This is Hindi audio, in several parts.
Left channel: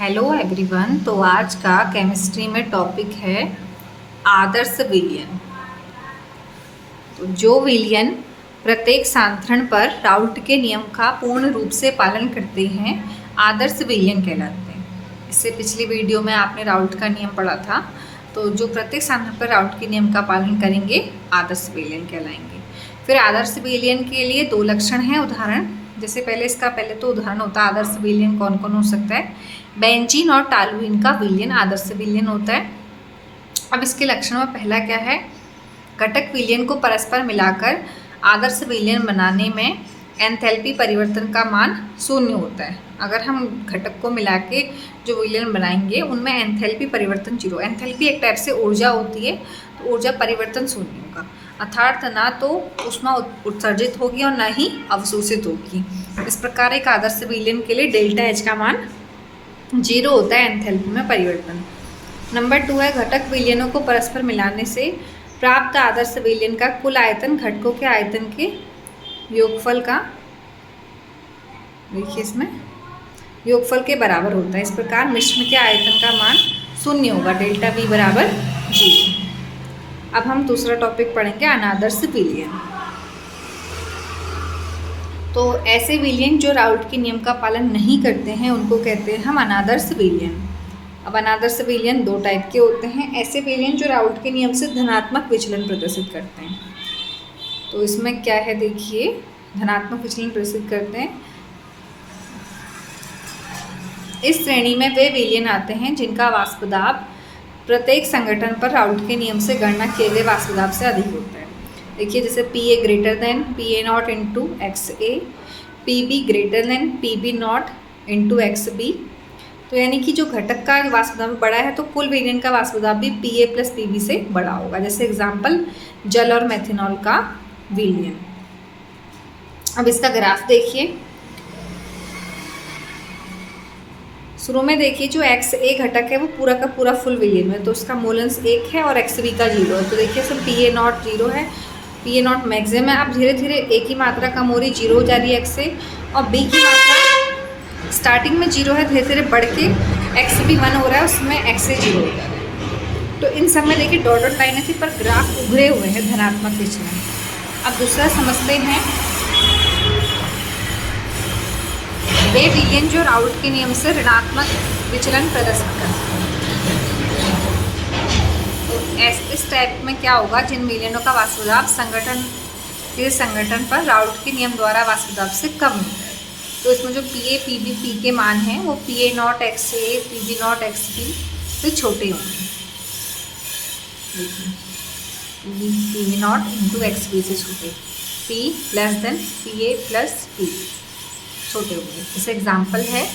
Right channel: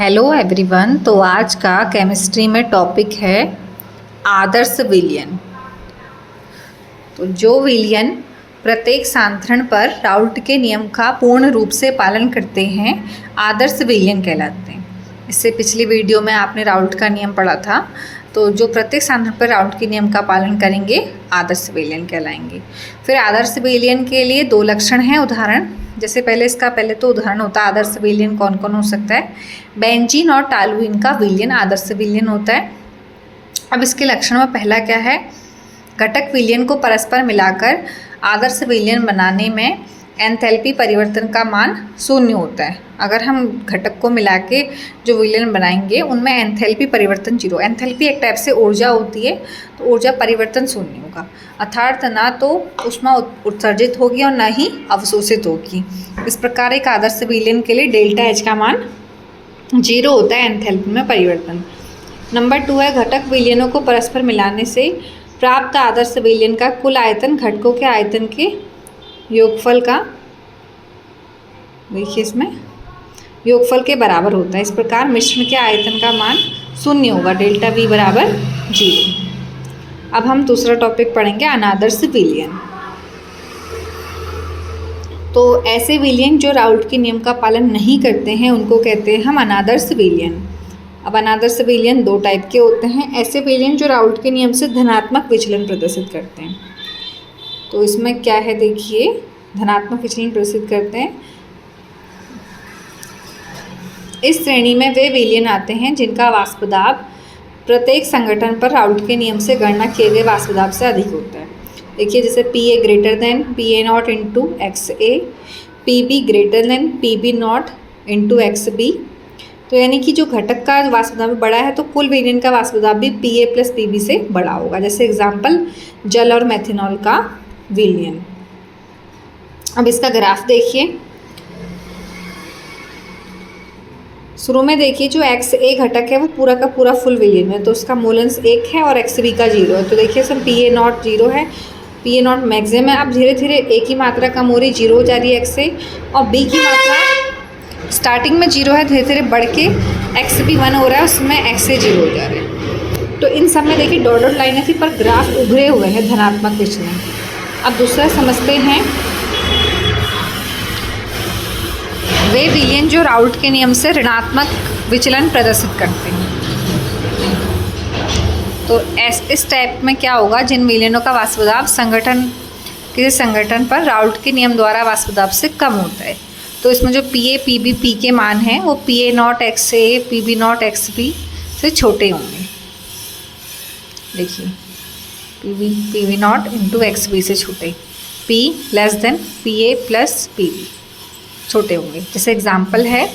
Hello everyone. तो आज का केमिस्ट्री में टॉपिक है आदर्श विलयन। तो जो विलयन प्रत्येक सांद्रण पर राउल्ट के नियम का पूर्ण रूप से पालन करते हैं आदर्श विलयन कहलाते हैं। इससे पिछली वीडियो में आपने राउल्ट का नियम पढ़ा था। तो जो प्रत्येक सांद्रण पर राउल्ट के नियम का पालन करेंगे आदर्श विलयन कहलाएंगे। फिर आदर्श विलयन के लिए दो लक्षण हैं। उदाहरण जैसे पहले तो उदाहरण होता है आदर्श विलयन कौन कौन हो सकता है। बेंजीन और टॉलुइन का विलयन आदर्श विलयन होता है। अब इसके लक्षण में पहला क्या है, घटक विलयन को परस्पर मिलाकर आदर्श विलयन बनाने में एंथैल्पी परिवर्तन का मान शून्य होता है। अगर हम घटक को मिला के जो विलयन बनाएंगे उनमें एंथैल्पी परिवर्तन जीरो। एंथैल्पी एक टाइप से ऊर्जा होती है, तो ऊर्जा परिवर्तन शून्य होगा, अर्थात ना तो ऊष्मा उत्सर्जित होगी और ना ही अवशोषित होगी। इस प्रकार एक आदर्श विलयन के लिए डेल्टा एच का मान जीरो होता है एंथैल्पी में परिवर्तन। नंबर 2 है घटक विलयनों को परस्पर मिलाने से प्राप्त आदर्श विलयन का कुल आयतन घटकों के आयतन के योगफल का, देखिए इसमें योगफल के बराबर होता है। इस प्रकार मिश्रण के आयतन का मान शून्य होगा, डेल्टा वी बराबर जीरो। अब हम दूसरा टॉपिक पढ़ेंगे अनादर्श विलयन। तो ऐसे विलयन जो राउल्ट के नियम का पालन नहीं करते हैं उनको कहते हैं हम अनादर्श विलयन। अब अनादर्श विलयन दो टाइप के होते हैं। ऐसे विलयन जो राउल्ट के नियम से धनात्मक विचलन प्रदर्शित करते हैं। तो इसमें क्या है, देखिए धनात्मक विचलन प्रदर्शित करते हैं। इस श्रेणी में वे विलयन आते हैं जिनका वाष्प दाब प्रत्येक संगठन पर राउल्ट के नियम से गणना किए गए वाष्प दाब से अधिक होता है। देखिए जैसे PA greater than PA0 into XA, PB greater than PB0 into XB। तो यानी कि जो घटक का वाष्प दाब बड़ा है तो कुल विलयन का वाष्प दाब भी PA प्लस PB से बड़ा होगा। जैसे एग्जाम्पल जल और मेथनॉल का विलयन। अब इसका ग्राफ देखिए। शुरू में देखिए जो XA घटक है वो पूरा का पूरा फुल विलयन है, तो उसका मोलेंस 1 है और XB का 0 है। तो देखिए इसमें PA0 0 है, PA0 मैक्सिमम है। अब धीरे धीरे A की मात्रा कम हो रही, 0 हो जा रही है XA, और B की मात्रा स्टार्टिंग में 0 है, धीरे धीरे बढ़ के XB 1 हो रहा है, उसमें XA 0 हो जा रहा है। तो इन सब में देखिए डॉटेड लाइनें थी पर ग्राफ उभरे हुए हैं धनात्मक विचलन। अब दूसरा समझते हैं वे विलयन जो राउल्ट के नियम से ऋणात्मक विचलन प्रदर्शित करते हैं। तो इस टाइप में क्या होगा, जिन विलयनों का वाष्प दाब किसी संगठन पर राउल्ट के नियम द्वारा वाष्प दाब से कम होता है। तो इसमें जो PA PB P के मान हैं वो PA0 XA PB0 XB से छोटे होंगे। देखिए PB0 इंटू XB से छोटे, P less than PA plus PB छोटे होंगे। जैसे एग्जाम्पल है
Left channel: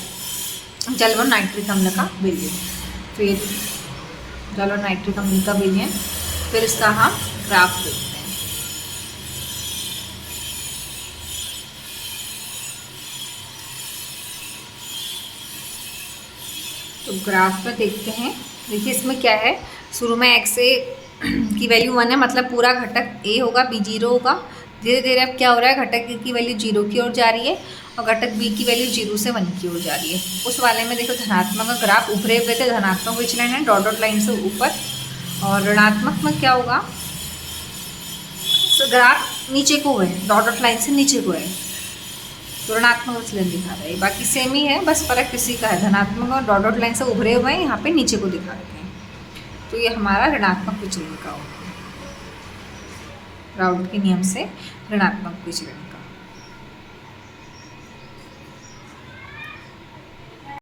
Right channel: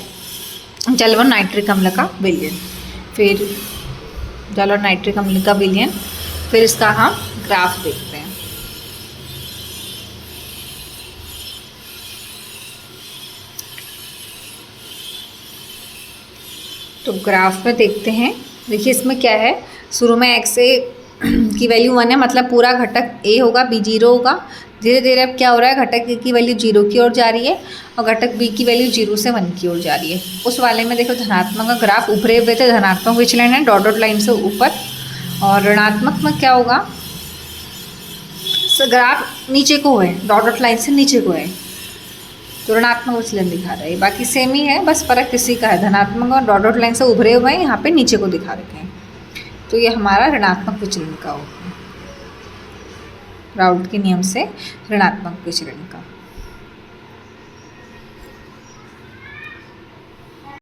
जल और नाइट्रिक अम्ल का विलयन। फिर जल और नाइट्रिक अम्ल का विलयन, फिर इसका हम ग्राफ देखते हैं। तो ग्राफ में देखते हैं। देखिए इसमें क्या है, शुरू में XA की वैल्यू 1 है, मतलब पूरा घटक A होगा, B 0 होगा। धीरे धीरे अब क्या हो रहा है, घटक A की वैल्यू 0 की ओर जा रही है और घटक B की वैल्यू 0 से 1 की ओर जा रही है। उस वाले में देखो धनात्मक का ग्राफ उभरे हुए थे, धनात्मक विचलन है डॉटेड लाइन से ऊपर, और ऋणात्मक में क्या होगा, ग्राफ नीचे को है, डॉटेड लाइन से नीचे को है, तो ऋणात्मक विचलन दिखा रहा है। बाकी सेम ही है, बस फर्क किसी का है, धनात्मक और डॉटेड लाइन से उभरे हुए हैं, यहाँ पे नीचे को दिखा रखे हैं। तो ये हमारा ऋणात्मक विचलन का होगा, राउल्ट के नियम से ऋणात्मक विचलन का।